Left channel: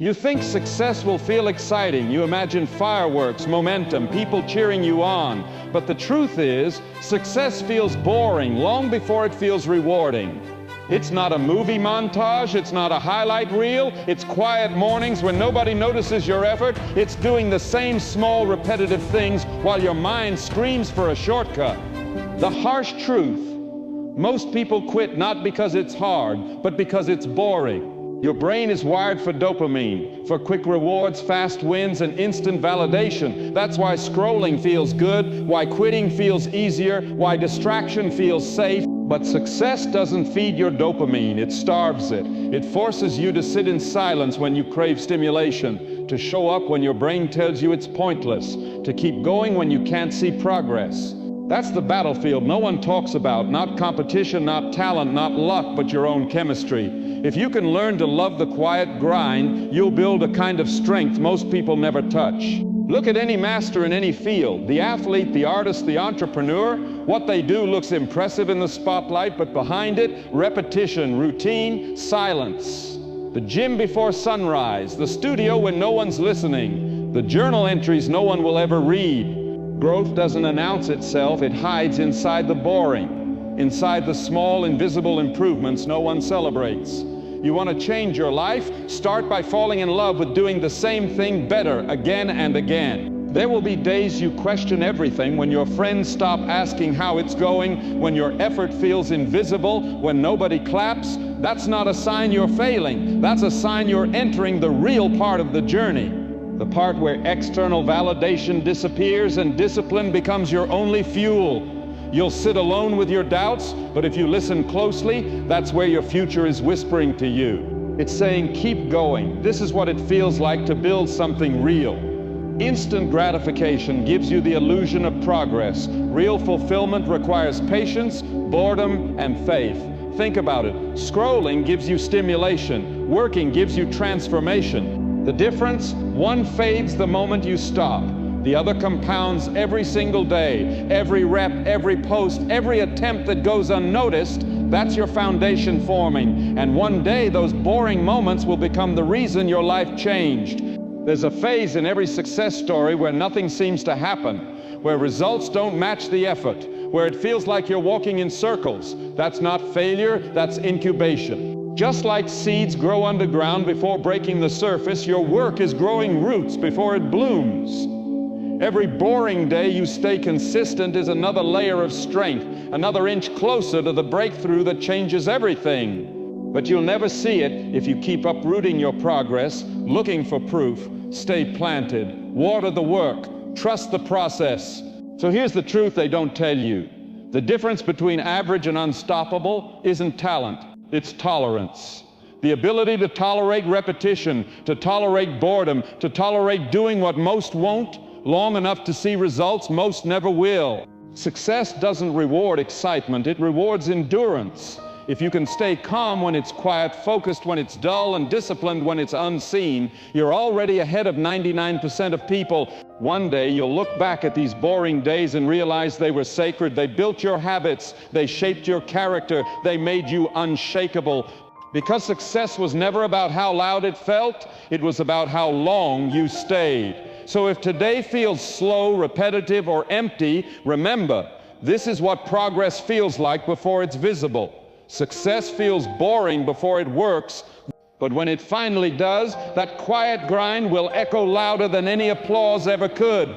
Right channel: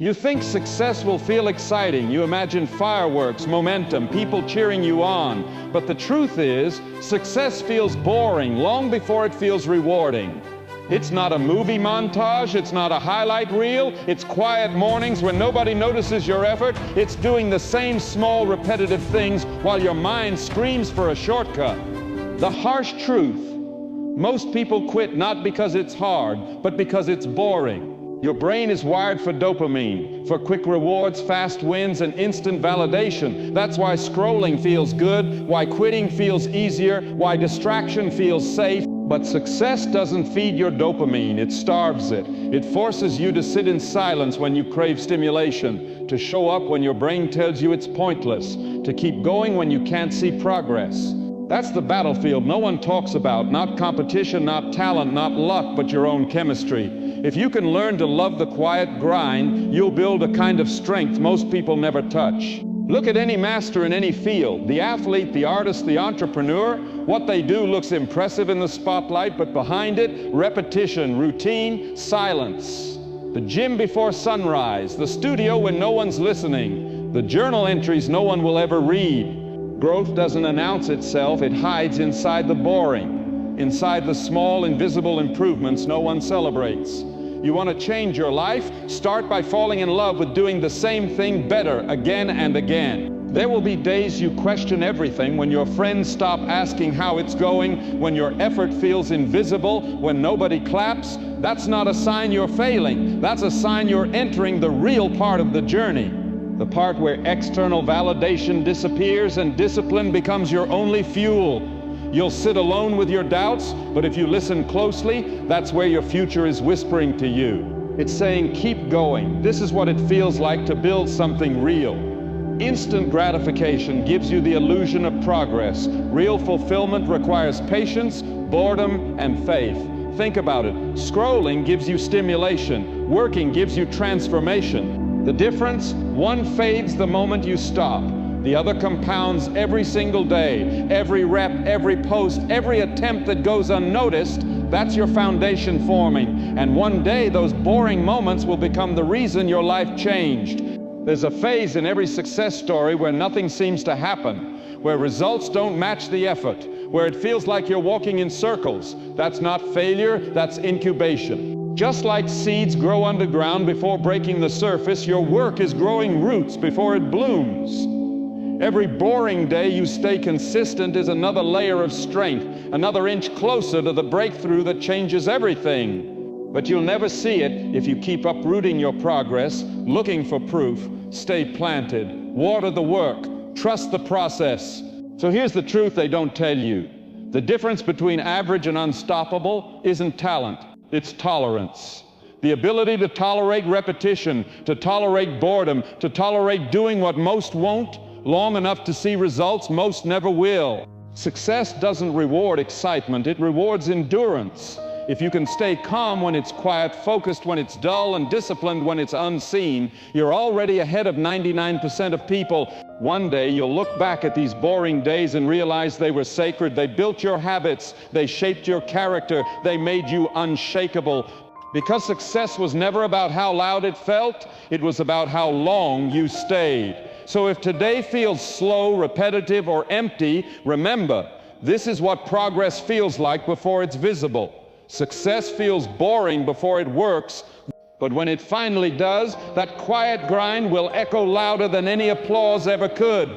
You think success will feel exciting. You imagine fireworks, momentum, people cheering you on. But the truth is, success feels boring long before it feels rewarding. It's not a movie montage, it's not a highlight reel, it's quiet mornings when nobody notices your effort. It's doing the same small repetitive things while your mind screams for a shortcut. The harsh truth: most people quit not because it's hard, but because it's boring. Your brain is wired for dopamine, for quick rewards, fast wins, and instant validation. That's why scrolling feels good, why quitting feels easier, why distraction feels safe. But success doesn't feed your dopamine, it starves it. It forces you to sit in silence when you crave stimulation, to show up when your brain tells you it's pointless, to keep going when you can't see progress. That's the battlefield no one talks about, not competition, not talent, not luck, but your own chemistry. If you can learn to love the quiet grind, you'll build a kind of strength most people never touch. Look at any master in any field, the athlete, the artist, the entrepreneur. What they do looks impressive in the spotlight, but behind it, repetition, routine, silence. The gym before sunrise, the studio when no one's listening, the journal entries no one will ever read. Growth doesn't announce itself, it hides inside the boring, inside the small, invisible improvements no one celebrates. You want to change your life? Start by falling in love with doing the same thing better again and again. There will be days you question everything, when your friends stop asking how it's going, when your effort feels invisible, when nobody claps. That's not a sign you're failing. That's a sign you're entering the real part of the journey. The part where external validation disappears and discipline becomes your only fuel. You'll sit alone with your doubts, but if you listen closely, that's where your future is whispering to you. It's saying, keep going. This is what it feels like to build something real. Instant gratification gives you the illusion of progress. Real fulfillment requires patience, boredom, and faith. Think about it. Scrolling gives you stimulation. Working gives you transformation. The difference? One fades the moment you stop. The other compounds every single day. Every rep, every post, every attempt that goes unnoticed, that's your foundation forming. And one day, those boring moments will become the reason your life changed. There's a phase in every success story where nothing seems to happen, where results don't match the effort, where it feels like you're walking in circles. That's not failure, that's incubation. Just like seeds grow underground before breaking the surface, your work is growing roots before it blooms. Every boring day you stay consistent is another layer of strength, another inch closer to the breakthrough that changes everything. But you'll never see it if you keep uprooting your progress, looking for proof. Stay planted, water the work, trust the process. So here's the truth they don't tell you. The difference between average and unstoppable isn't talent, it's tolerance. The ability to tolerate repetition, to tolerate boredom, to tolerate doing what most won't, long enough to see results most never will. Success doesn't reward excitement, it rewards endurance. If you can stay calm when it's quiet, focused when it's dull, and disciplined when it's unseen, you're already ahead of 99% of people. One day you'll look back at these boring days and realize they were sacred. They built your habits, they shaped your character, they made you unshakable. Because success was never about how loud it felt, it was about how long you stayed. So if today feels slow, repetitive, or empty, remember, this is what progress feels like before it's visible. Success feels boring before it works, but when it finally does, that quiet grind will echo louder than any applause ever could.